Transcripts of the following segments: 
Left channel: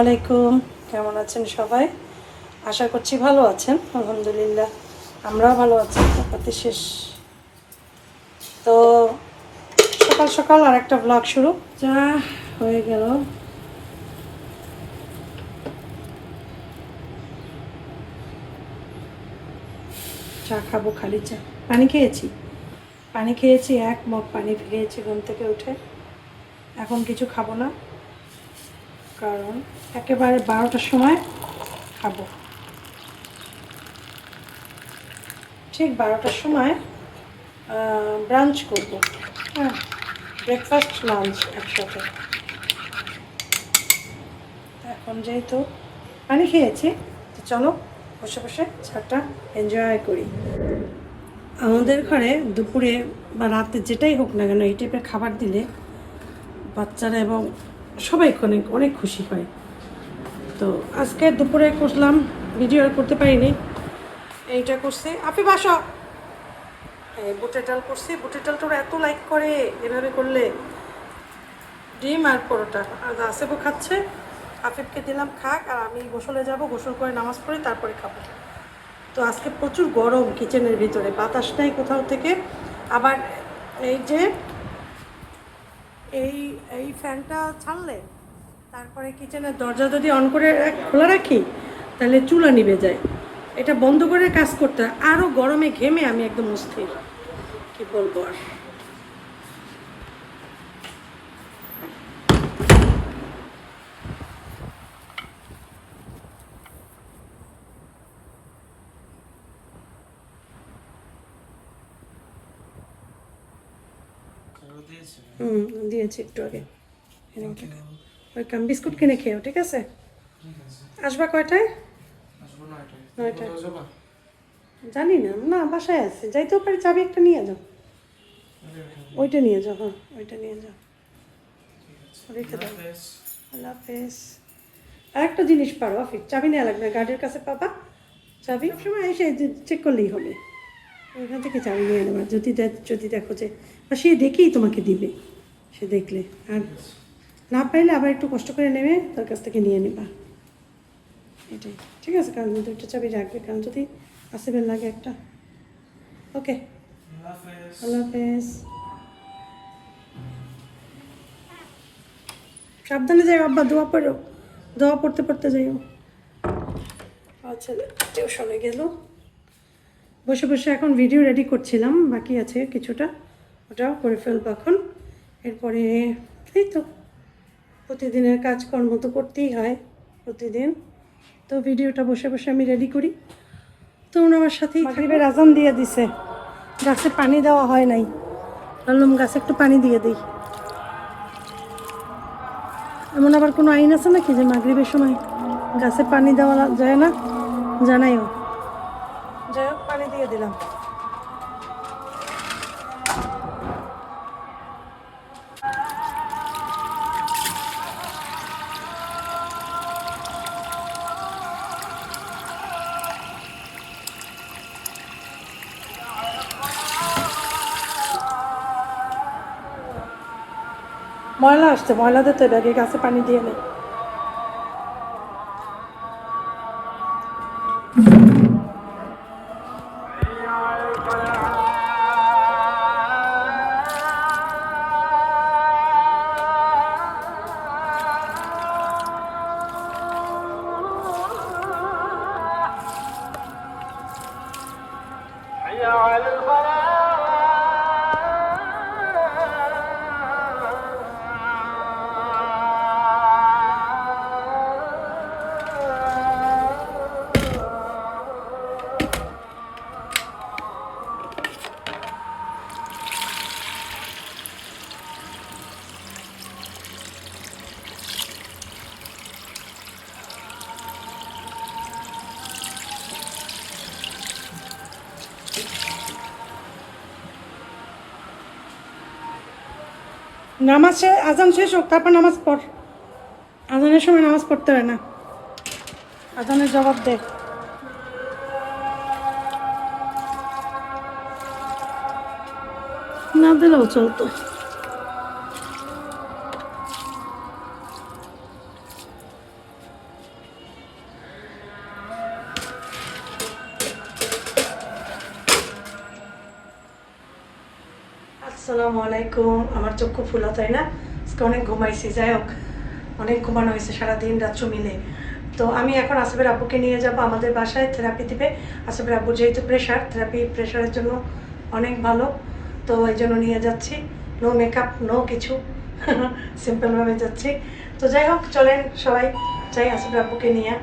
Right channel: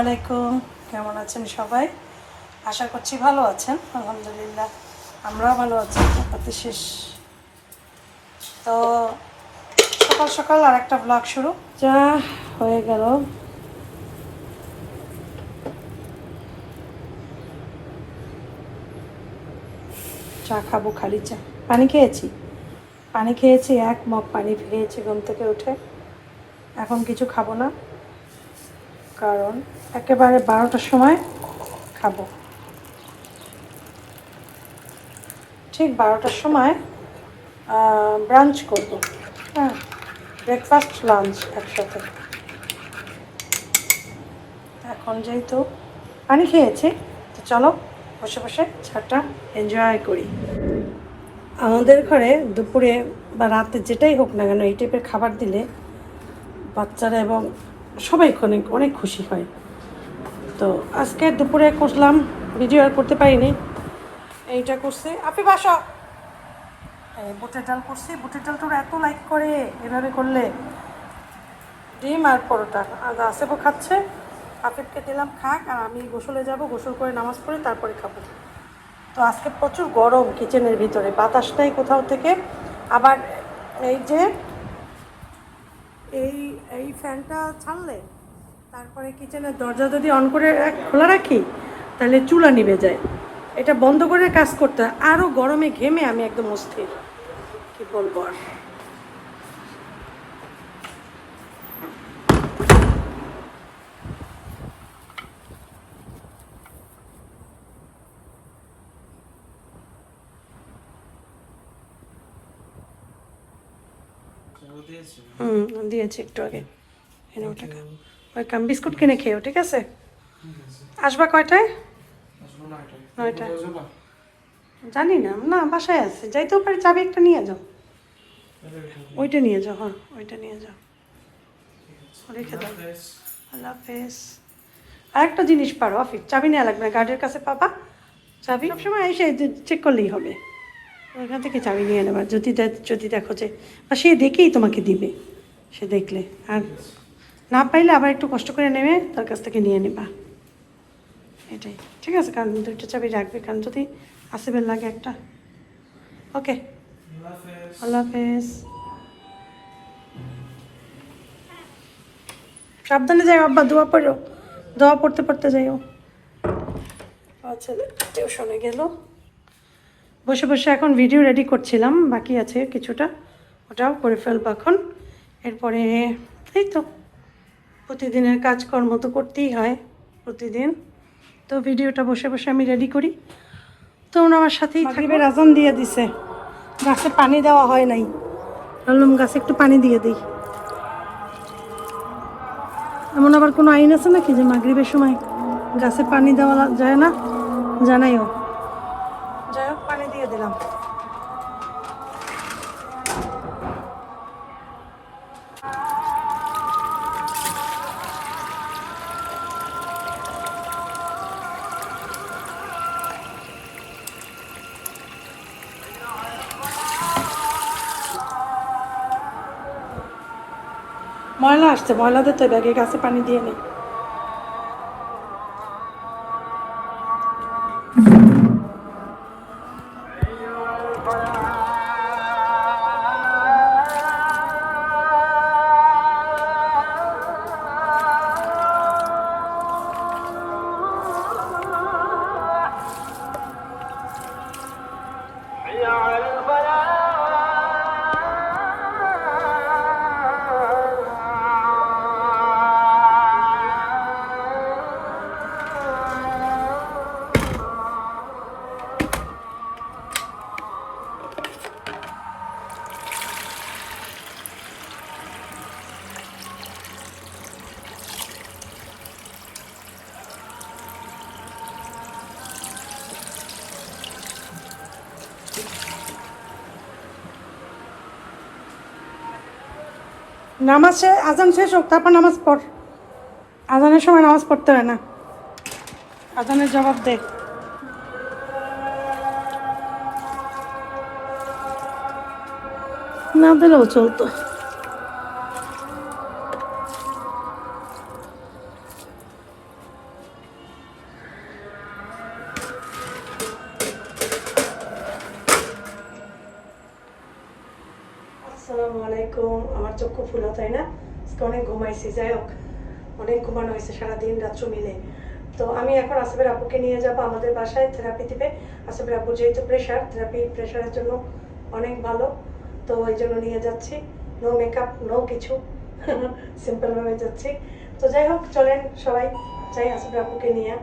আলাইকুম। কেমন আছেন সবাই? আশা করছি ভালো আছেন, আলহামদুলিল্লাহ। আমরাও ভালো আছি চাপাতি শেষ। তো সকাল সকাল আর একটা ব্লগ শুরু। যা হয়ে গেল। চা খাব, খালি চা। পানি খেয়েছি? পানি খেয়েছি, এক মগ পানি খেয়েছি ঘুম থেকে উঠে। এখন কিছু খাব না। কারণ একেবারে বারোটার সময় খাব। ঠিক বারোটার সময় ব্রাঞ্চ করব। হ্যাঁ ব্রেকফাস্ট লাঞ্চ একসাথে। এখন যেহেতু পানি খেয়েছি, তো চলো বসে বসে চাটা এনজয় করি। আমাদের ঘরে দুপুরে বা রাতে যেটাই হোক না কেন, এই টাইপের খাবার দিলে বাচ্চারা এবং সবাই অনেক অনেক খুশি হয়। তো আজকে দুপুরে করলাম ভিডিও আর করতে পারিনি। এইটা করছি। আপনি বাসা বুটের ডাল করছি। বুটের ডাল ওরা এত লাইক করে এভাবে করলে। ডিম আর পরোটা। আর আসেবও খাচ্ছে। আফিফকে দিলাম, খাক। আর আমি গোসলে যাব। গোসল করে নামাজ পড়ে, তারপরে খাব। তো আজকে প্রচুর গরম কিচেনের ভিতরে। বাতাস নেই কোথাও থেকে। আবার এই যে এই এই ফ্যানটা ছাড়লে তারপরে কিচেনের দরজা যদি অন করে খোলা রাখি, তাহলে চুলা নিভে যায়। এটা বন্ধ করে কাজ করতে। আরও গরমে ঘেমে আমি একদম অস্থির। কি বলব আর? হুম দিয়েছি একটু আগে। এনে ওটা খা। ওই কাম বিস্কুট কিনে খেয়েও ঠিক আছে? আসবা কয়টায়? নয়টায়। জানি না না বাসায় আছে। যাইতেও পারে চাবি একটা নিয়ে যাও। ওইটা নিয়ে যাও হ্যাঁ ওইটা নিয়ে যাও। রেখে দাও। আল্লাহ হাফেজ। আরেকটা জিনিস পারো অফিস। চাবি নেওয়া লাগবে গার্ডের কাছে পাবা। চাবি সবসময় এসে চেক করলেই হবে। ওইখান থেকে চাবি নিয়ে নেবা। যদি যদি দেখো যে বা সে দেখেই তোমাকে দিবে। সে দেখলে। আর না পাইলে আবার একটু কষ্ট করে নেবে, তার কাছ থেকে নিয়ে নেবা। এটাই। ঠিক আছে কারণ দুইটা চাবি রাখবে। কারণ যদি আসিবেন লাগে একটা। ওকে। আল্লাহ হাফেজ। সাবধানে যাই আব্বা, দোয়া পড়ো। দোয়া পড়তে পড়তে যাইও। ছেলে টিউশনে গেল। বসে বসে এখন ভিডিও রেডি করছিলাম, বাকি আছে কিছুটা। ওটাও করে ফেলব এখন। এরপরে এই তো, প্রতিদিনের কাজকর্ম তো করতেই হয় প্রতিদিন। তো ভিডিওটা বসে বসে আমি রেডি করি। তোমরা আমার সাথেই থাকবে রাজন দিয়ে দিছে। গাছে পানি দেওয়া হয় নাই। বললাম গাছে একটু পানি দিয়ে দিই। এমন আবার কোনো আইন আছে নাকি যে মাগরিবের সময় গাছে পানি দেওয়া যায় না? জানাইও। আসছে ময়লাদের তো ব্যাগে গাছে পানি দিয়ে নেই নামাজ আজান শেষ হোক, তারপর নামাজ পড়। আজানের সময় নামাজ পড়তে হয় না। আজানের জবাব দে। না দিলেও চলতো। চক্ষু ফুলা, তাই না? আজকে অনেক ঘুমাইছি, যাই হোক, অনেক ঘুমানো হয়েছে সারাদিন, রাত্র মিলে। তো আমি এখন আসিফের আব্বুকে নিয়ে যাব, আমাদের বাসায় থেরাপি দিবে। আসিফের আব্বু যেহেতু প্রেশার থেরাপি প্রেশারের জন্য অনেক ভালো। তো এই জন্য নিয়ে যাচ্ছি। নো মেকআপ নো কিছু। সিম্পলভাবে যাচ্ছি। তো যাই হোক, চলেন সবাই, যাই আসিফের আব্বুকে নিয়ে।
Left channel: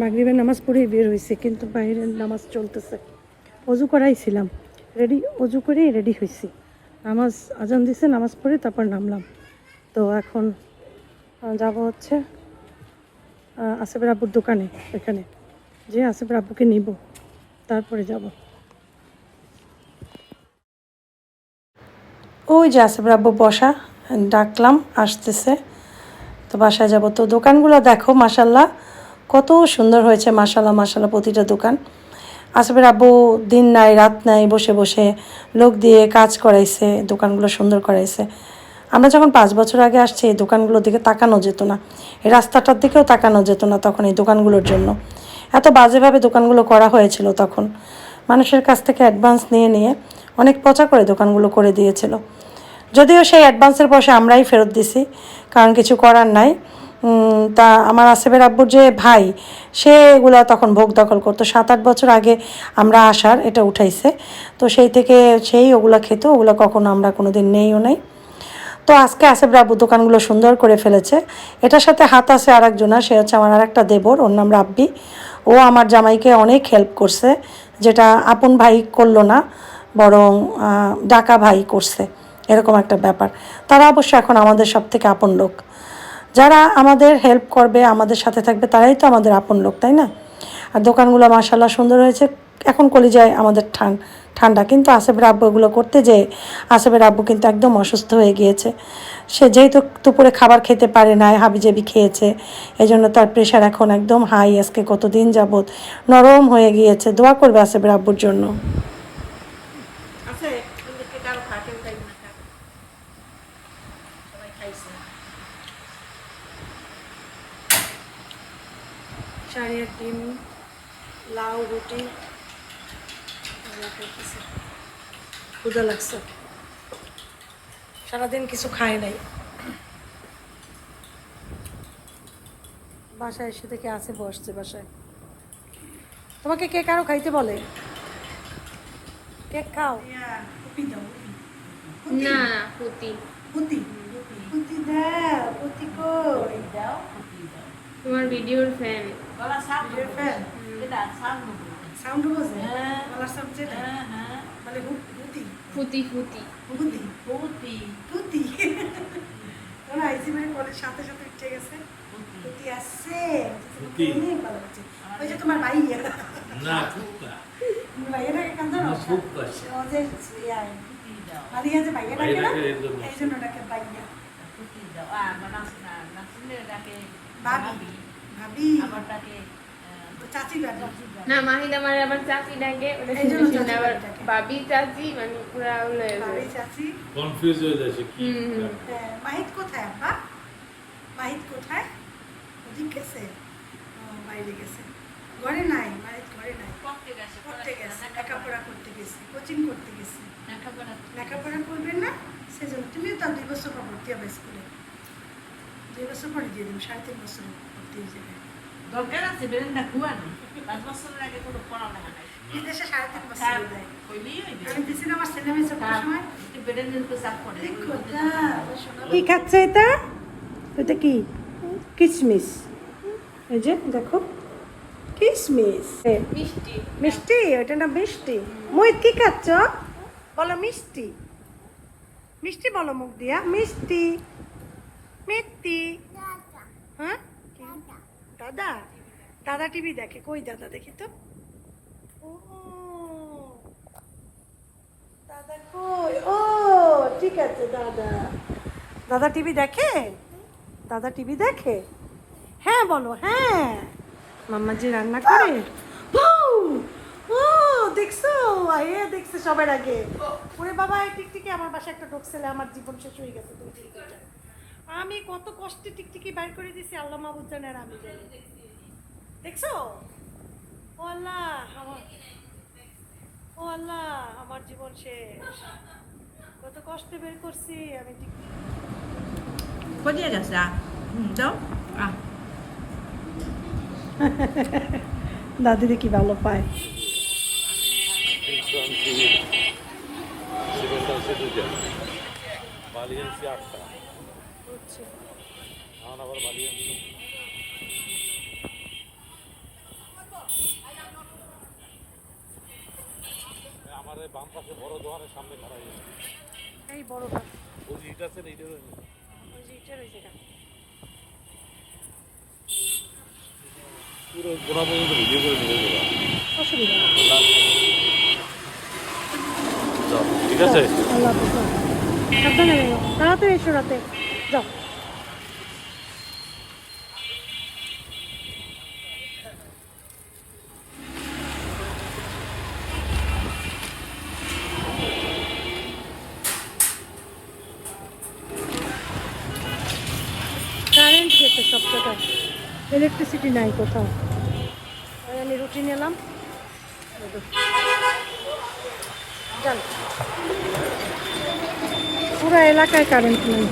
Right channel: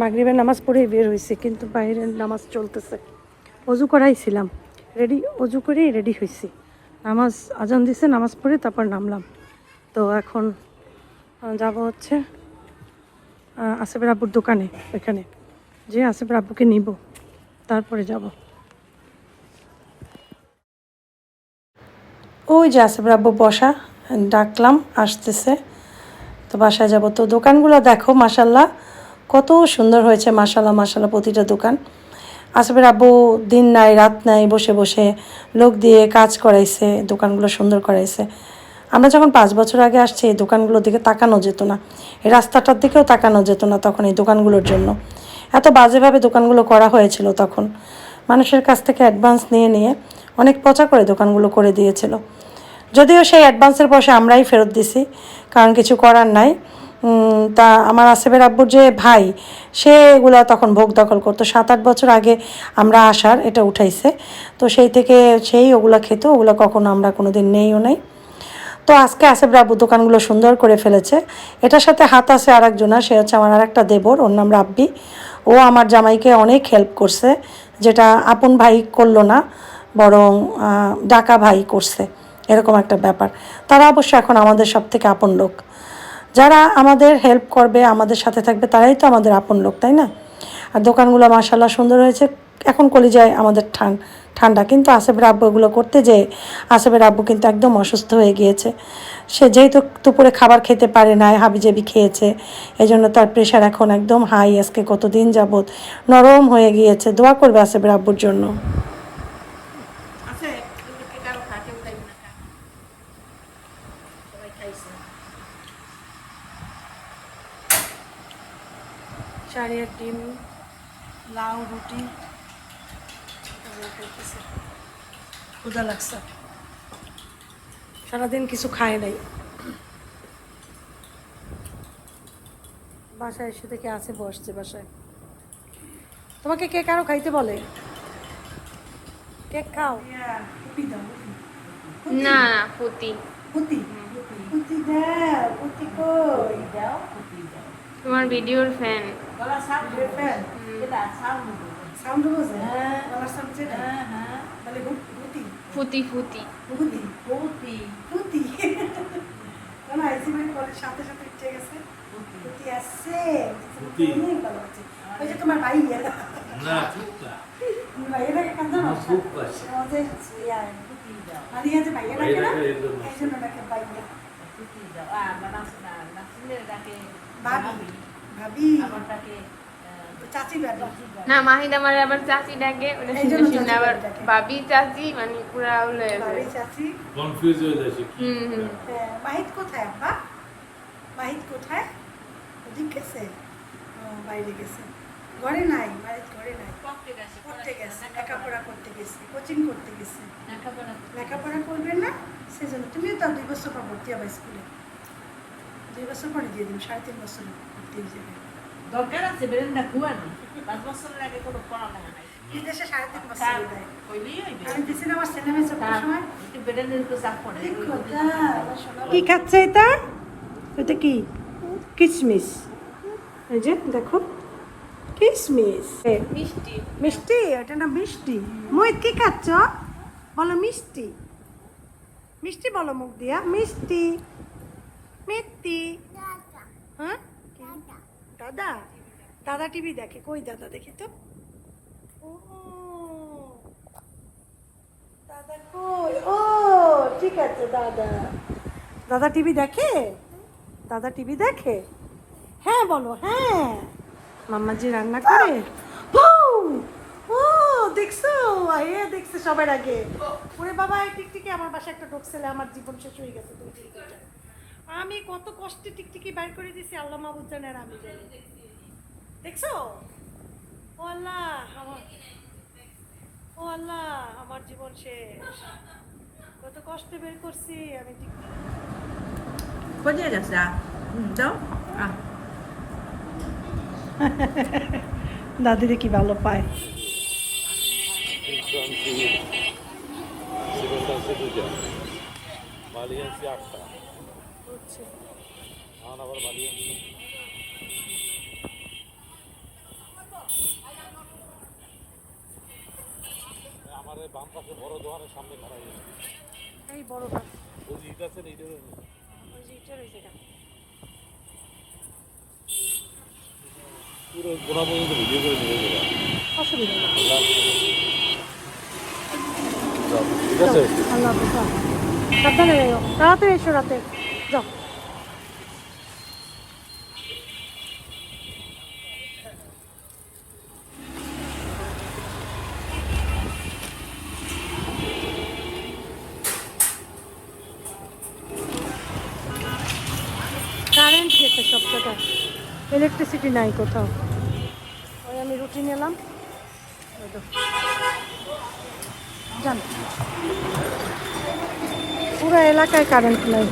মাগরিবের নামাজ পড়েই বের হয়েছি কিন্তু বাইরের নামাজ চলতেছে। অজু করাইছিলাম, রেডি, অজু করেই রেডি হয়েছি নামাজ আজান দিছে, নামাজ পড়ে তারপর নামলাম। তো এখন যাব হচ্ছে আসিফের আব্বুর দোকানে, এখানে। যে আসিফের আব্বুকে নিব, তারপরে যাব। ওই যে আসিফের আব্বু বসা, ডাকলাম, আসতেছে। তো বাসায় যাব। তো দোকানগুলো দেখো মাসাল্লাহ কত সুন্দর হয়েছে মাসাল্লাহ মাসাল্লাহ প্রতিটা দোকান। আসিফের আব্বু দিন নাই, রাত নাই, বসে বসে লোক দিয়ে কাজ করাইছে, দোকানগুলো সুন্দর করাইছে। আমরা যখন পাঁচ বছর আগে আসছি, এই দোকানগুলোর দিকে তাকানো যেত না। এই রাস্তাটার দিকেও তাকানো যেত না তখন এই দোকানগুলোর জন্য। এত বাজেভাবে দোকানগুলো করা হয়েছিল তখন। মানুষের কাছ থেকে অ্যাডভান্স নিয়ে নিয়ে অনেক পচা করে দোকানগুলো করে দিয়েছিল। যদিও সেই অ্যাডভান্সের পয়সা আমরাই ফেরত দিছি, কারণ কিছু করার নাই। তা আমার আসিফের আব্বুর যে ভাই, সে এগুলা তখন ভোগ দখল করতো। সাত আট বছর আগে আমরা আসার, এটা উঠাইছে। তো সেই থেকে সেই ওগুলো খেত, ওগুলো কখনো আমরা কোনো দিন নেইও নাই। তো আজকে আসিফ রাব্বু দোকানগুলো সুন্দর করে ফেলেছে। এটার সাথে হাত আছে আর সে হচ্ছে আমার আর একটা দেবর, ওর নাম রাব্বি। ও আমার জামাইকে অনেক হেল্প করছে, যেটা আপন ভাই করল না, বরং ডাকা ভাই করছে। এরকম একটা ব্যাপার। তারা অবশ্য এখন আমাদের সব থেকে আপন লোক। যারা আমাদের হেল্প করবে, আমাদের সাথে থাকবে, তারাই তো আমাদের আপন লোক, তাই না? আর দোকানগুলো মাসাল্লাহ সুন্দর হয়েছে। এখন কলিজায় আমাদের ঠান, ঠান্ডা। কিন্তু আসেফের আব্বু এগুলো করতে যেয়ে আসেফের আব্বু কিন্তু একদম অসুস্থ হয়ে গিয়েছে। সে যেহেতু দুপুরে খাবার খেতে পারে না হাবিজাবি খেয়েছে এই জন্য তার প্রেশার এখন একদম হাই আজকে কতদিন যাবৎ নরম হয়ে গিয়েছে। দোয়া করবে আসেফের আব্বুর জন্য। চারিয়ার ডিম লাউ রুটি। ক্ষুদা লাগছে। সারাদিন কিছু খায় নাই। বাসায় এসে থেকে আছে বসছে বাসায়। তোমাকে কে কারও খাইতে বলে? কেক খাও। না না পুতি। পুতি? পুতি দাও পুতি কই? দাও তোমার ভিডিওর ফ্যান সাউন্ড বোঝে গলার সাউন্ড যেটা তাহলে পুতি ফুতি ফুতি পুতি পুতি পুতি কোন আইসি মানে কলের সাথে সাথে উঠে গেছে। পুতি আসছে। অনেক ভালো হচ্ছে। ওই যে তোমার ভাইয়া না ফুটটা তুমি ভাইয়াটাকে কান্দো না ফুট পাচ্ছে আমাদের ইয়া, মালিয়া যে ভাইয়া ডাকে না? ভাইয়াটাকে এরকম এই জন্য ডাকে ভাইয়া ভাবি ভাবি তো চাচি না মাহিদ আমার আবার চাচি ডাকে আবার চাচি মানে পুরা হলো ভাবি চাচি। কনফিউজ হয়ে যাচ্ছে কি। হ্যাঁ, মাহিত কোথায় আব্বা? মাহিত কোথায়? ওদিক গেছে? বাইরে গেছে। ঘরে নাই মাহিত ঘরে নাই। করতে গেছে লেখাপড়া করতে গেছে কোচিং করতে গেছে। লেখাপড়া করবেন না? সেজন্য তুমিও তো আর দুই বছর পর ভর্তি হবে স্কুলে। দুই বছর পরে দিয়ে দিন সাড়ে তিন বছর। ভর্তি যাবে দরকার আছে বেরেন্ডা খুয়ানো। পাঁচ বছরের আগে কোনো পড়ালেখা নাই। বিদেশে সাড়ে তিন বছর কইলেই হইবে। আমি দিছি না আমার ছেলে মেয়ে সব সময়? একটু বেরেন্ডের চাপ পড়ে। কি খাচ্ছে এটা? এটা কি? কিসমিস। এই যে দেখো। মিষ্টি। মিষ্টি এটা না মিষ্টি? মই কি খাচ্ছ? বলো মিষ্টি। মিষ্টি বলো মুখ দিয়া। মিষ্টি। মিষ্টি। হ্যাঁ? দাদা? দাদা টিভি দেখে, কই দাদা দেখি তো? ও ঠিক আছে, দাদা। দাদা টিভি দেখে? দাদা টিভি দেখে? হ্যাঁ বলো হ্যাঁ। মাম্মা যে রান্না করে? ও, দেখছ? এ দেখছে সবার আগে। ওরে বাবা টিকটিকি আমার বাসায় একটা ঢুকছিলে, আমার জীবন শেষ হয়ে গেছে। আমি কত কষ্টে টিকটিকি বাইর করে দিছি আল্লাহ মাহবুদ জানে আর আমি জানি। দেখছ? ও আল্লাহ আমার ও আল্লাহ আমার জীবন শেষ। কত কষ্টে বের করছি আমি ঠিক কোথায় গেছে যাও। আহ দাদিরে কি ভালো পায় মালিয়ান্সি আটটা। মালিয়ান্সি আমার বাম পাশে বড় দোকানের সামনে হয়েছে। এই বড় গাছ ওই যে ইট আছে না ওই যে ইটের ওই পুরো গোড়া পর্যন্ত ভিডিও করে নেবে অসুবিধা ঠিক আছে? আল্লাহ হাফিজ। সাবধানে এসো তাড়াতাড়ি এসো রাতে। ইলেকট্রিসিটি নাই কোথাও। আমি রুটি নিলাম। পুরো এলাকায় কারেন্ট নাই।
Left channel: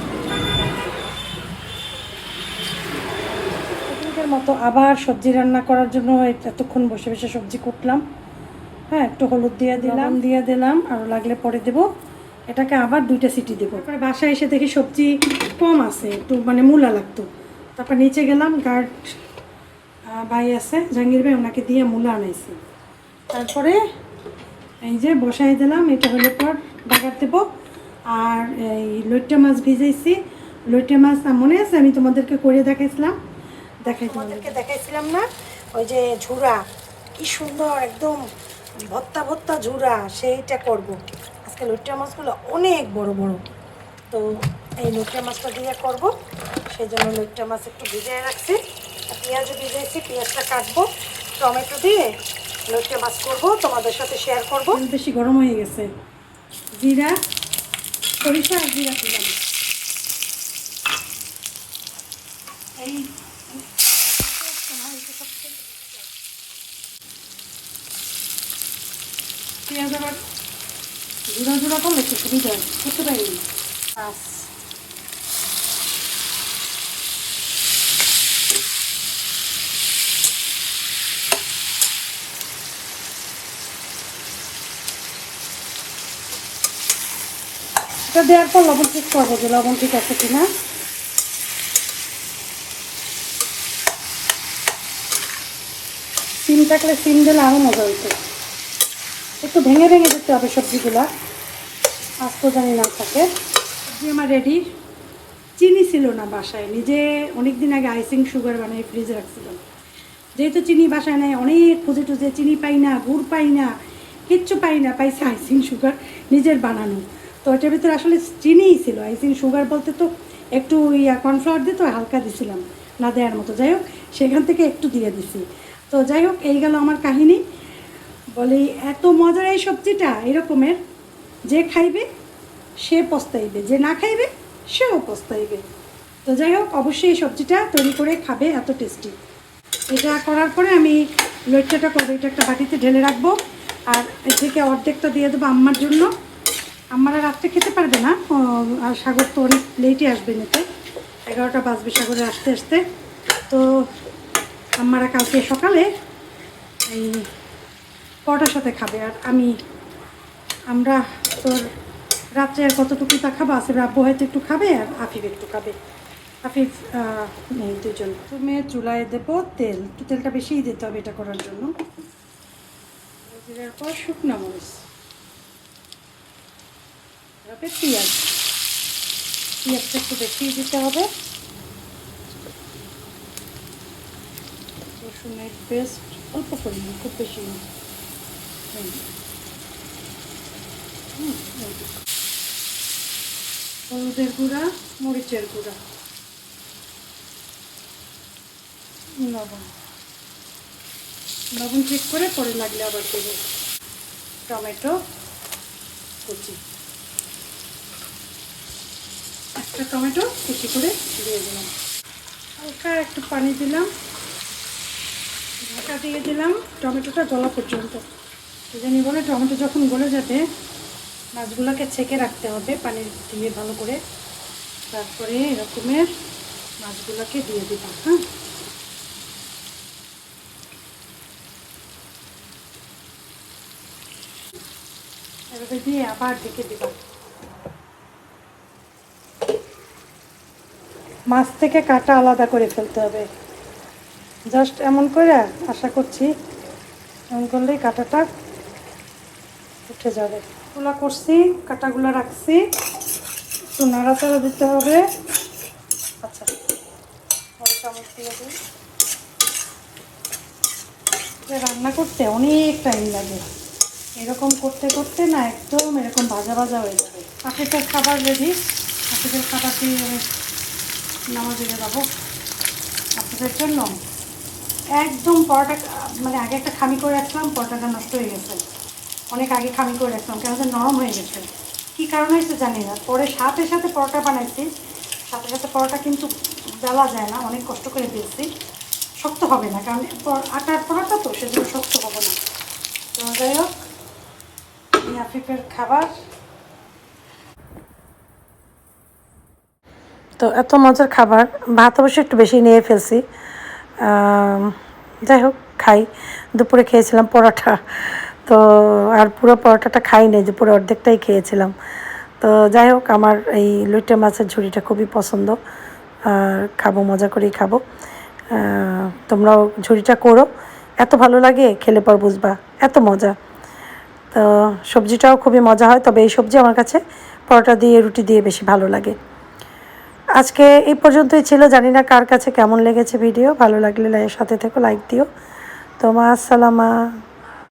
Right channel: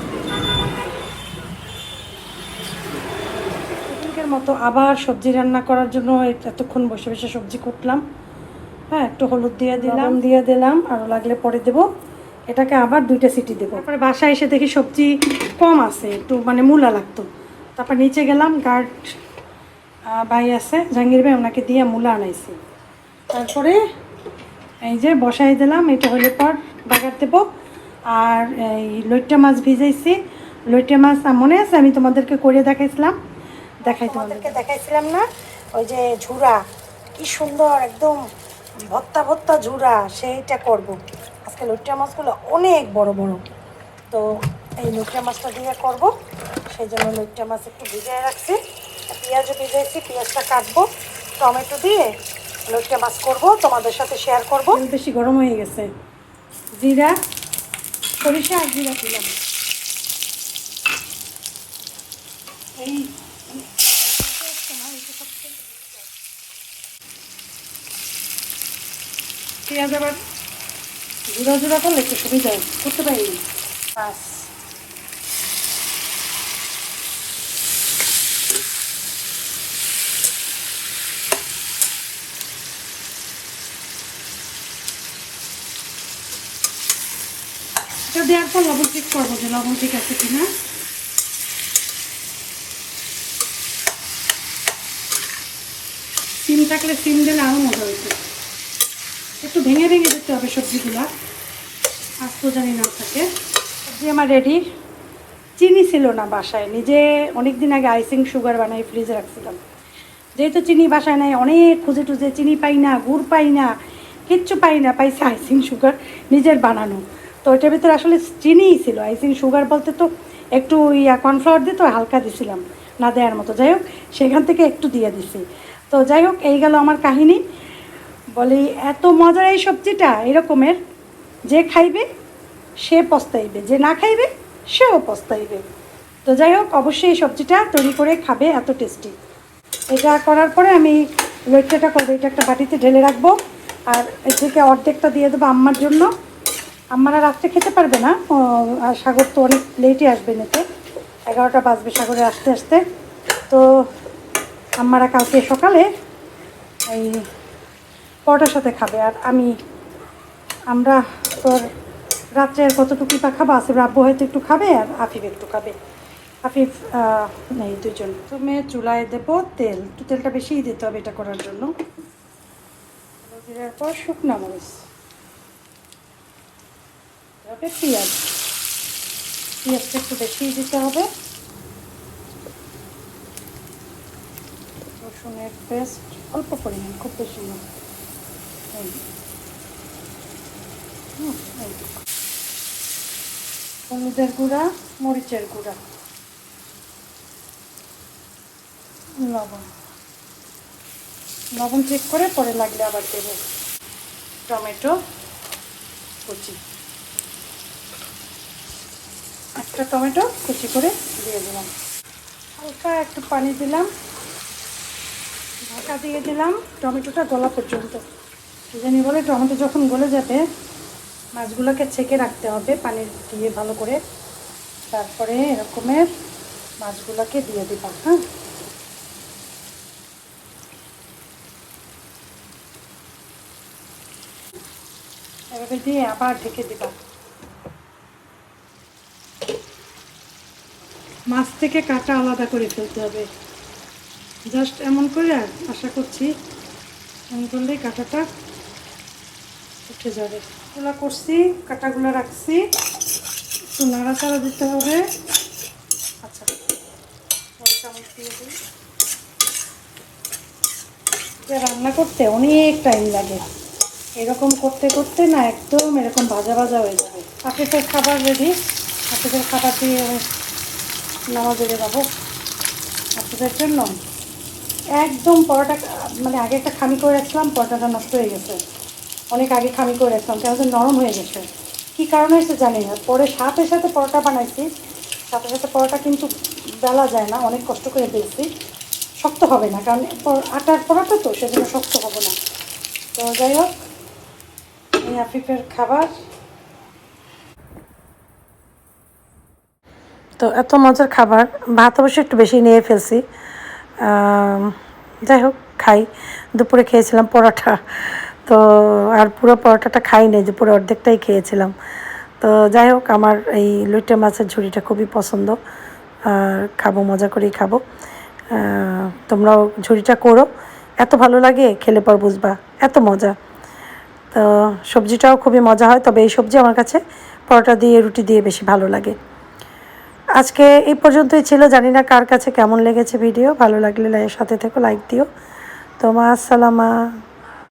মতো আবার সবজি রান্না করার জন্য এতক্ষণ বসে বসে সবজি কুটলাম। হ্যাঁ একটু হলুদ দিয়ে দিলাম। দিয়ে দিলাম আরও লাগলে পরে দেব। এটাকে আবার দুইটা সিটি দেবো। তারপরে বাসায় এসে দেখি সবজি কম আছে একটু মানে মূলা লাগতো। তারপর নিচে গেলাম গার্ড ভাই আছে, জাহাঙ্গীর ভাই, ওনাকে দিয়ে মূলা আনাইছি। তারপরে এই যে বসাই দিলাম, এটা হলে পর বাগার দেবো। আর এই লইট্টা মাছ ভিজাইছি। লইট্টা মাছ মনে আছে, আমি তোমাদেরকে করে দেখাইছিলাম? দেখাই তোমাদেরকে দেখাইছিলাম না? ওই যে ঝুরা, কি সুন্দর একদম ভত্তা ভত্তা ঝুরা, সেইটা করব। আজকে লইট্টা মাছগুলো অনেক বড় বড়। তো এই লইট্টা মাছটা দিয়ে করব। সেই জন্য লইট্টা মাছ একটু ভিজিয়ে রাখছি। আর পেঁয়াজও ভিজাইছি পেঁয়াজটা কাটবো টমেটো দিয়ে লইট্টা মাছ করব তোমাদের সাথে শেয়ার করব। বেশি গরম হয়ে গেছে। জিরা সরিষা আর জিরা দিলাম এই পেঁয়াজ আবার জোড়া জোড়া করলে একটু সুবিধা করতে পারি বাস এটা দেওয়ার পর লবণ ঠিক করব যে লবণ ঠিক আছে কিনা। সিম থাকলে সিম দিলে আরও মজা হইতো। একটু ভেঙে ভেঙে দিতে হবে সবজিগুলো। আস্ত জানি না থাকে। সবজি আমার রেডি চিনি ছিল না বাসায়। নিজে অনেক দিন আগে আইসিং সুগার বানাই ফ্রিজে রাখছিলাম। যেহেতু চিনি বাসায় নাই, অনেক খুঁজে টুজে চিনি পাই না, গুড় পাই না, কিচ্ছু পাই না, পাইছে আইসিং সুগার নিজের বানানো। তো ওইটার ভিতরে আসলে চিনিই ছিল। আইসিং সুগার বলতে তো একটু ইয়া কর্নফ্লাওয়ার দিয়ে তো হালকা দিছিলাম, না দেওয়ার মতো। যাই হোক, সেখান থেকে একটু দিয়ে দিছি। তো যাই হোক, এই গেল আমার কাহিনী। বলি, এত মজার এই সবজিটা এরকমের, যে খাইবে, সে পস্তাইবে। যে না খাইবে, সেও পস্তাইবে। তো যাই হোক, অবশ্যই এই সবজিটা তৈরি করে খাবে, এত টেস্টি এটা করার পরে আমি লইট্টাটা করব। এটা একটা বাটিতে ঢেলে রাখব। আর এর থেকে অর্ধেকটা দিয়ে দেবো আম্মার জন্য। আম্মারা রাত্রে খেতে পারবে না। আর সাগর তো অনেক লেটই আসবে নিতে এগারোটা বাজবে সাগরে আসতে আসতে। তো আম্মারা কালকে সকালে এই পরোটার সাথে খাবে। আর আমি, আমরা তোর রাত্রে আর কতটুকু তা খাব? আসিফ আব্বু হয়তো একটু খাবে আর আফিফ একটু খাবে। আফিফ নেই দুজন। তুমি চুলায় দেবো তেল। একটু তেলটা বেশিই দিতে হবে এটা করার জন্য। পর শুকনো মরিচ। পেঁয়াজ। পেঁয়াজটা একটু দিতে হবে। রসুনের পেস্ট অল্প পরিমাণ, খুব বেশি। হলুদের গুঁড়া, মরিচের গুঁড়া। লবণ। লবণ চেক করে পরে লাগলে আবার দেবো। টমেটো, কুচি। একটা টমেটো কুচি করে দিয়ে দিলাম। হালকা একটু পানি দিলাম। ঢাকা দিয়ে দিলাম টমেটোটা গলা পর্যন্ত। জানি বলে টমেটো যখন গলে যাবে, মাছগুলোকে ছেঁকে রাখতে হবে পানি দিয়ে ভালো করে। তারপরে এরকমের মাছগুলোকে দিয়ে দিবা হ্যাঁ। এভাবে দিয়ে আবার ঢেকে দিবা মাছ থেকে কাটা আলাদা করে ফেলতে হবে। জাস্ট এমন করে আশা করছি, এমন করলেই কাঁটাটা উঠে যাবে। গুলো করছি, কাঁটাগুলো রাখছি। একটু নাড়াচাড়া দিতে হবে। আচ্ছা। রান্না করতে অনেক টাইম লাগে। এরকম করতে করতে না একদম এরকম ভাজা ভাজা হয়ে যাবে। আপনাদের খাবার রেডি আপনাদের খাবার দিয়ে নামাজ যাব আপনাদের জন্য একদম পরোটা মানে আগে একটা খামি করে রাখছিলাম, পরোটাটা নষ্ট হয়ে গেছে। অনেক আগে খামি করে রাখছিলাম, কেন নরম হয়ে গেছে। কী কারণ হয়েছে জানি না। পরে সাথে সাথে পরোটা বানাইছি। সাথে সাথে পরোটা কিন্তু বেলা যায় না, অনেক কষ্ট করে বেলছি শক্ত হবে না, কারণ আটার পরোটা তো, সেজন্য শক্ত হবে না। তো যাই হোক, এই আফিফের খাবার তো এত মজার খাবার। ভাত অবশ্য একটু বেশি নিয়ে ফেলছি। যাই হোক, খাই। দুপুরে খেয়েছিলাম পরোটা। তো আর পুরো পরোটাটা খাই নাই যে পুরো অর্ধেকটাই খেয়েছিলাম। তো যাই হোক, আমার এই লুটে মাছের ঝুড়িটা খুবই পছন্দ। আর খাব, মজা করেই খাব। তোমরাও ঝুড়িটা করো। এত ভালো লাগে, খেলে পর বুঝবা। এত মজা। তো সবজিটাও খুবই মজা হয়, তবে এই সবজি আমার কাছে পরোটা দিয়ে, রুটি দিয়ে বেশি ভালো লাগে। আজকে এই পর্যন্তই ছিল। জানি না কার কাছে কেমন লেগেছে ভিডিও ভালো লাগলে সাথে থেকো লাইক দিও। তোমা আসসালামা